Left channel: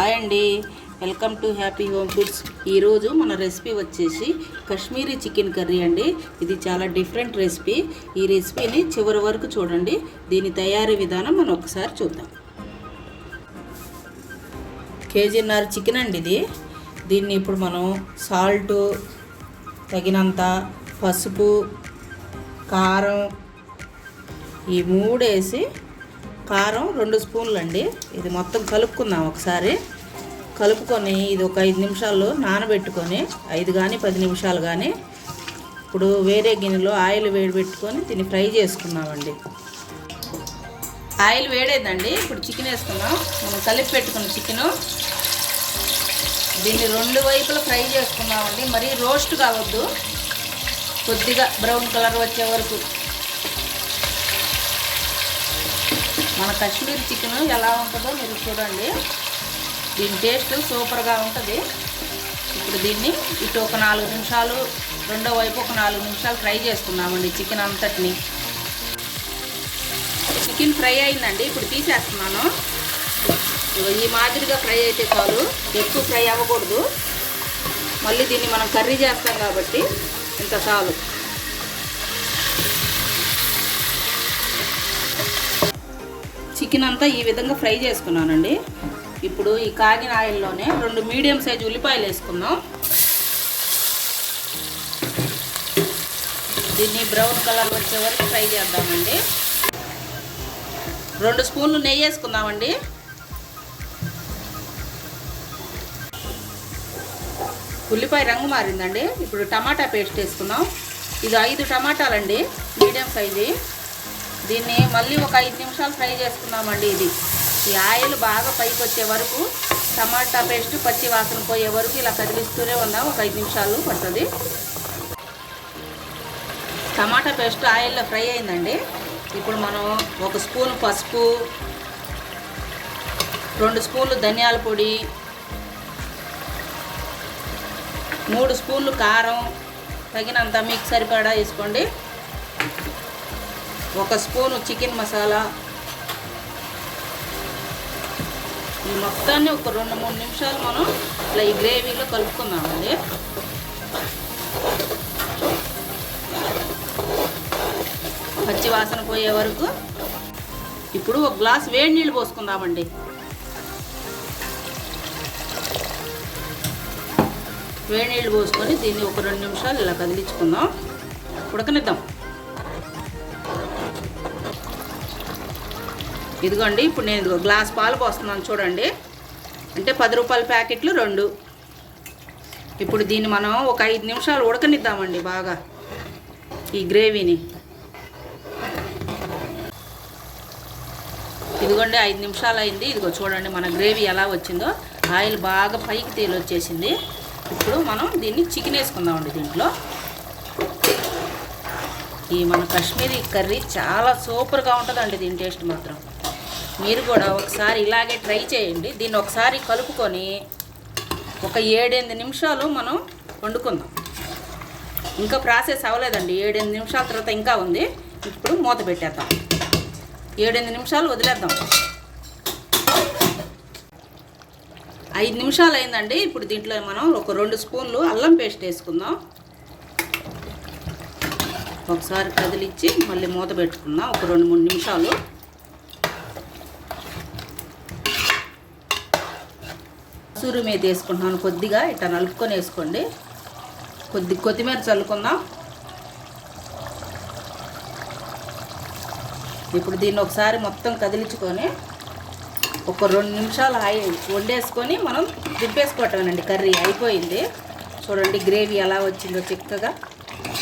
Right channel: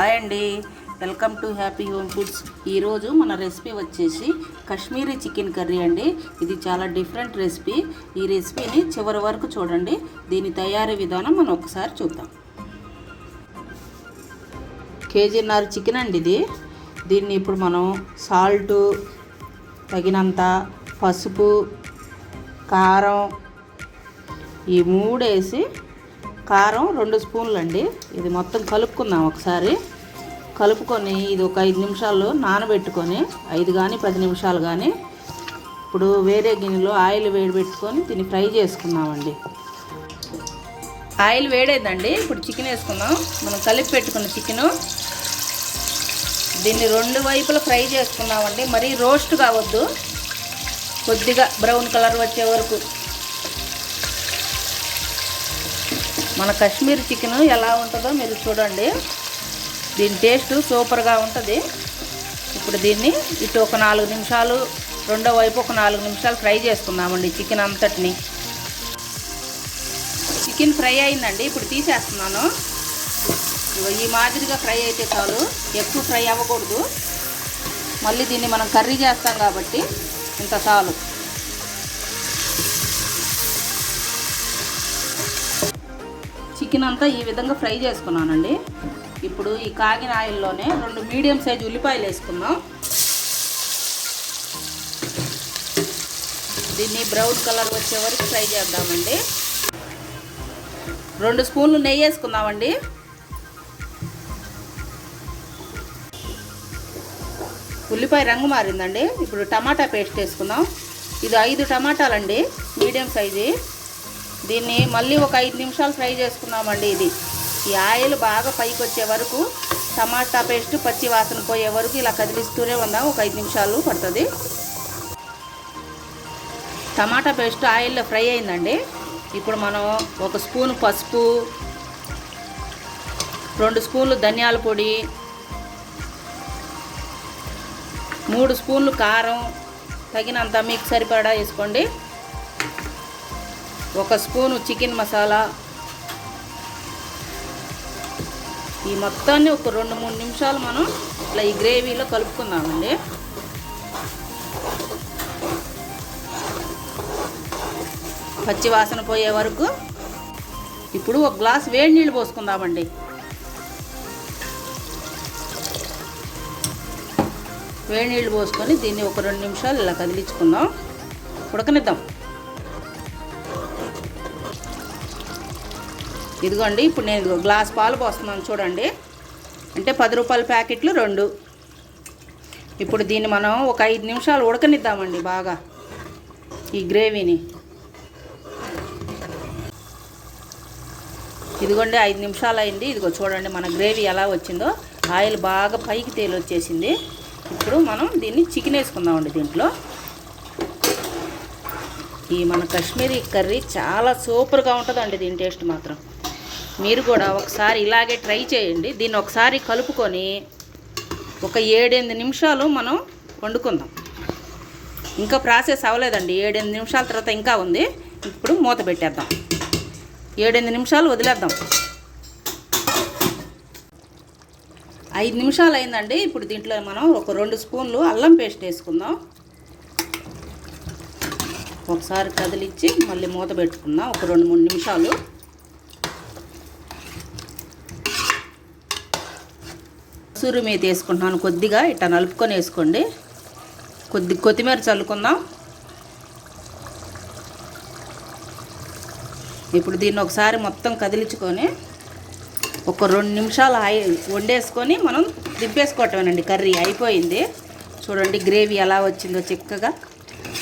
Hi అండి, welcome to happy home foods. ఈరోజు మన రెసిపీ వచ్చేసి కాశ్మీరీ చికెన్ కర్రీ అండి. ఇది చాలా డిఫరెంట్ రెసిపీ. ఈ రెసిపీని చివరి వరకు చూడండి. దీని తయారీ విధానం మనం ఒకసారి చూద్దాం. కేజీన్నర చికెన్ అండి ఇది. దీన్ని ఇప్పుడు మనం సాల్టు తగినంత, పసుపు, కారం ఈ మూడు వేసి, కారం 2 స్పూన్లు అండి, ఇది మొత్తం కలుపుకుందాం. ఒకసారి కలుపుకొని ఇది ఒక 5 నిమిషాలు నానబెట్టుకొని, 5 కానీ 10 నిమిషాలు కానీ, ఇప్పుడు వేరే గిన్నెలో ఆయిల్ వేడిపెట్టుకొని దీన్ని ఫ్రై చేసుకుందామండి. ఆయిల్ వేడేదండి. ఇప్పుడు చికెన్ వేసుకున్నాం. మనం కలిపి పెట్టుకున్న చికెను దీన్ని 2 వైపులా ఫ్రై చేసుకున్నామండి. మరీ రోస్ట్ కావద్దు, కొద్దిగా బ్రౌన్ కలర్ వచ్చే వరకు. మన కాశ్మీర్ చికెన్ ఎలా ఉంటుందో మీరు చూడండి. దీని టేస్ట్ సూపర్గా ఉంటుంది. ఇప్పుడు దీన్ని ఇటు ఒక 4 నిమిషాలు, రెండో వైపు ఒక 4 నిమిషాలు ఫ్రై చేసుకున్నామండి చికెన్ అంతటిని. చికెన్ ఫ్రై అయిందండి. ఇప్పుడు తీసేస్తున్నాను. ఈ మాదిరిగా ఫ్రై అయితే చాలు, ఎక్కువ ఫ్రై అవ్వకూడదు. మళ్ళీ దీన్ని మనం కర్రీ చేస్తాం కాబట్టి ఇంత చాలు. చికెన్ అంతా ఈ విధంగా ఫ్రై చేసుకున్నానండి. ఇప్పుడు ఈ కాగిన ఆయిల్లోనే 2 మీడియం సైజు ఉల్లిపాయలు వేసుకుందాం. దీన్ని బ్రౌన్ కలర్ వచ్చే వరకు ఫ్రై చేద్దామండి. 2 స్పూన్లు నెయ్యి వేసుకుందామండి. ఉల్లిపాయ రంగు మారిందండి. ఇప్పుడు టమాటా పేస్ట్ వేసుకుందాం. ఇది 5 టమాటాలండి, మీడియం సైజు. దీన్ని మళ్ళీ ఒక 5 నిమిషాలు ఫ్రై చేసుకున్నామండి. ఈ ఆయిల్ బాగా పైకి వచ్చే వరకు, టమాటా పేస్ట్ పచ్చి వాసన పోయే వరకు ఇలా కదిలిస్తూనే ఉన్నాం. ఒక 5 నిమిషాలు పడుతుంది. టమాటా పేస్ట్ ఆయిల్లో ఫ్రై అయిందండి. ఇప్పుడు మనం 1 స్పూన్ పసుపు, 2 స్పూన్లు ధనియాల పొడి, 3 స్పూన్లు కారం, తగినంత మీకు సరిపడా వేసుకోండి. 1 స్పూను చికెన్ మసాలా. ఈ మొత్తాన్ని ఒక 2-3 నిమిషాలు మనం ఇట్లా ఈ గ్రేవీలో కలుపుకుందామండి. పచ్చి వాసన పోయే వరకు. ఇప్పుడు 1 గ్లాస్ వేడి నీళ్ళు పోసుకుందామండి. వేడి నీళ్ళు పోసుకొని దీన్ని ఒక 2 నిమిషాలు ఇలా కదిలించుకుందాం, ఉడకనిద్దాం. ఇదిగోండి, ఇప్పుడు నేను గ్లాస్ పాలు పోస్తున్నాను చూడండి. అంటే 10 రూపాయల ప్యాకెట్లు 2. ఇప్పుడు దీన్ని మనం ఒక 5 నిమిషాలు ఉడకనిద్దామండి బాగా ఈ గ్రేవీని. ఇదిగోండి 5 నిమిషాలు అయింది. ఇదిగో చూడండి మన గ్రేవీ ఎలా వచ్చిందో. ఆయిల్ బాగా పైకి తేలి వచ్చేసింది. ఇప్పుడు మనం దీన్ని చికెన్ వేసుకుందామండి. దీంట్లో ఈ మన కాశ్మీరీ కర్రీ చాలా సూపర్గా ఉంటుందండి. దీని టేస్ట్ మాత్రం మీరు కూడా ఒకసారి ఇలాగే ట్రై చేయండి. దీన్ని ఒకసారి కలుపుకొని ఒక 7-8 నిమిషాలు మనం వండుకుందాం. ఇంకా ప్రాసెస్ అవ్వలేదండి. 7-8 నిమిషాల తర్వాత ఇంకా ఉంది. ఇప్పుడు మూత పెట్టేద్దాం. 7-8 నిమిషాలు వదిలేద్దాం. 5 నిమిషాలు అయిందండి. ఇప్పుడు దీంట్లో మనం ఒక 2 స్పూన్లు అల్లం పేస్ట్ వేసుకుందాం. ఒకసారి కదిలిచ్చి మళ్ళీ మూత పెట్టుకుందాం ఒక 2-3 నిమిషాలు. కసూరి మేతి వేసుకుంటున్నాను కొద్దిగా. ఇట్లా నలుపుకొని వేసుకోండి. కొత్తిమీర చల్లుకుందాం. ఇప్పుడు దీన్ని ఒకసారి మొత్తం కదిలించుకొని ఒక 2 నిమిషాలు ఆయిల్ వండేసుకొని మనం దింపేసుకోవటమేనండి. కర్రీ అయిపోయింది. చూడండి గ్రేవీ ఎలా వచ్చిందో చిక్కగా.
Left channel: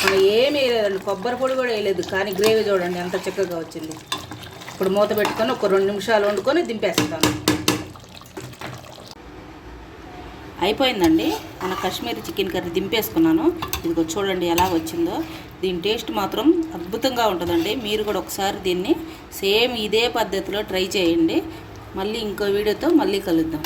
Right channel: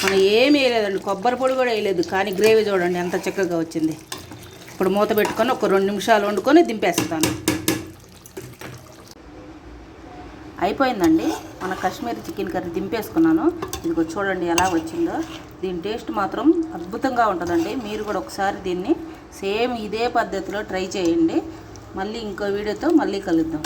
మనం ఏమీ వేయలేదండి, కొబ్బరి పొడి కూడా వేయలేదు, కానీ గ్రేవీ చూడండి ఎంత చిక్కగా వచ్చింది. ఇప్పుడు మూత పెట్టుకొని ఒక 2 నిమిషాలు వండుకొని దింపేస్తాను. అయిపోయిందండి మన కాశ్మీరీ చికెన్ కర్రీ. దింపేసుకున్నాను. ఇదిగో చూడండి ఎలా వచ్చిందో. దీని టేస్ట్ మాత్రం అద్భుతంగా ఉంటుందండి. మీరు కూడా ఒకసారి దీన్ని సేమ్ ఇదే పద్ధతిలో ట్రై చేయండి. మళ్ళీ ఇంకో వీడియోతో మళ్ళీ కలుద్దాం.